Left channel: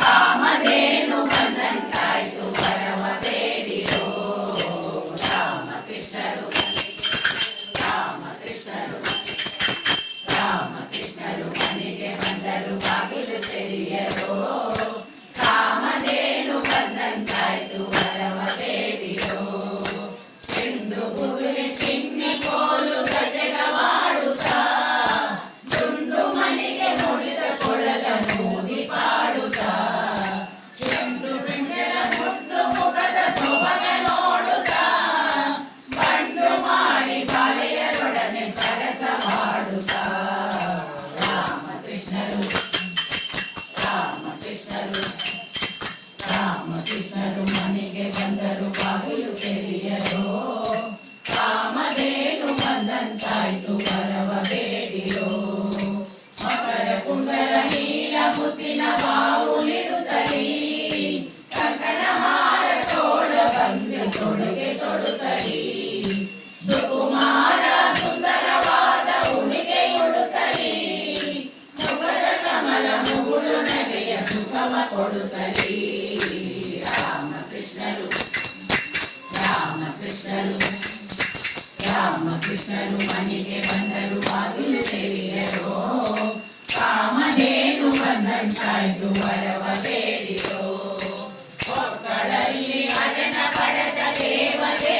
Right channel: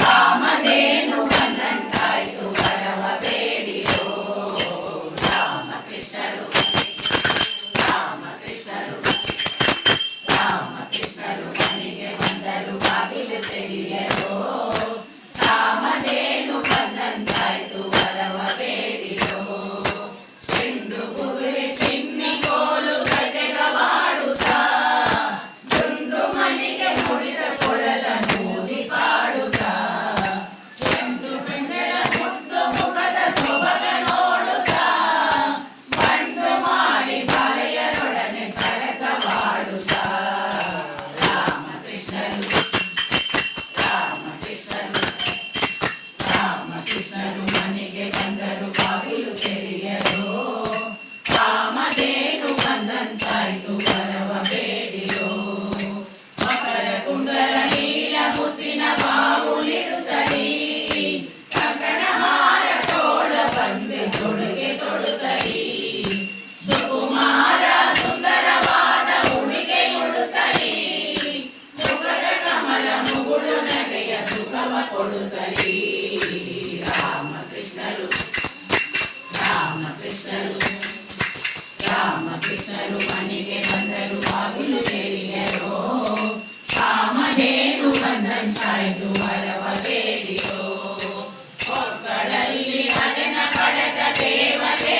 ಕಾಮಧೇನು ಬಂದಂತಾಯ್ತು ವರವ ಬೇಡಿರೋ ರಾಮಕೃಷ್ಣರು ರಾಮಕೃಷ್ಣರು ಮನೆಗೆ ಬಂದರು ಬಾಗಿಲು ತೆರೆಯರೋ ಕಾಮಧೇನು ಬಂದಂತಾಯ್ತು ವರವ ಬೇಡಿರೋ ಚೆಂಡು ಬುಗುರಿ ಚಿಮ್ಮಿ ಕೋಲು ಗಜಗವಾಡುತ್ತಾ ದುಂಡು ಮನೆಗೆ ಮುಡಿದ ಕೊಳಲನ್ನು ಪಾಡುತ್ತಾ ಚೆಂಡು ಬೆಂಗಳ ಮುದ್ದು ಮುಖದ ಸೊಬಗ ನೋಡುತ್ತಾ ಬಂಡು ಮಾಡಿ ಬಾಲೆಯರೊಡನೆ ಸರಸವಾಡುತ್ತಾ ರಾಮಕೃಷ್ಣರು ಮನೆಗೆ ಬಂದರು ಬಾಗಿಲು ತೆರೆಯರೋ ಕಾಮಧೇನು ಬಂದಂತಾಯ್ತು ವರವ ಬೇಡಿರೋ ಮಕರ ಕುಂಡಲ ನೀಲ ಮುತ್ತಿನ ಬಾವುಲಿಡುತ್ತಲೀ ಕಂಕಣ ಹಾರ ತೋಳ ಬಂದು ತೊಡುಗೆ ತೊಡುತ್ತಲೀ ಸುಕುಮಾರ ಸುಂದರವಾದ ಉಡುಗೆ ಉಡುತ್ತಲೀ ಮುಖದ ಕಮಲ ಮುಗುಳು ನಗೆಯ ಸುಖವ ಕೊಡುತ್ತಲೀ ರಾಮಕೃಷ್ಣರು ಮನೆಗೆ ಬಂದರು ಬಾಗಿಲು ತೆರೆಯರೋ ಕಾಮಧೇನು ಬಂದಂತಾಯ್ತು ವರವ ಬೇಡಿರೋ ಹೊಕ್ಕಳಲ್ಲಿ ಹರನ ಪಡೆದ ದೇವದೇ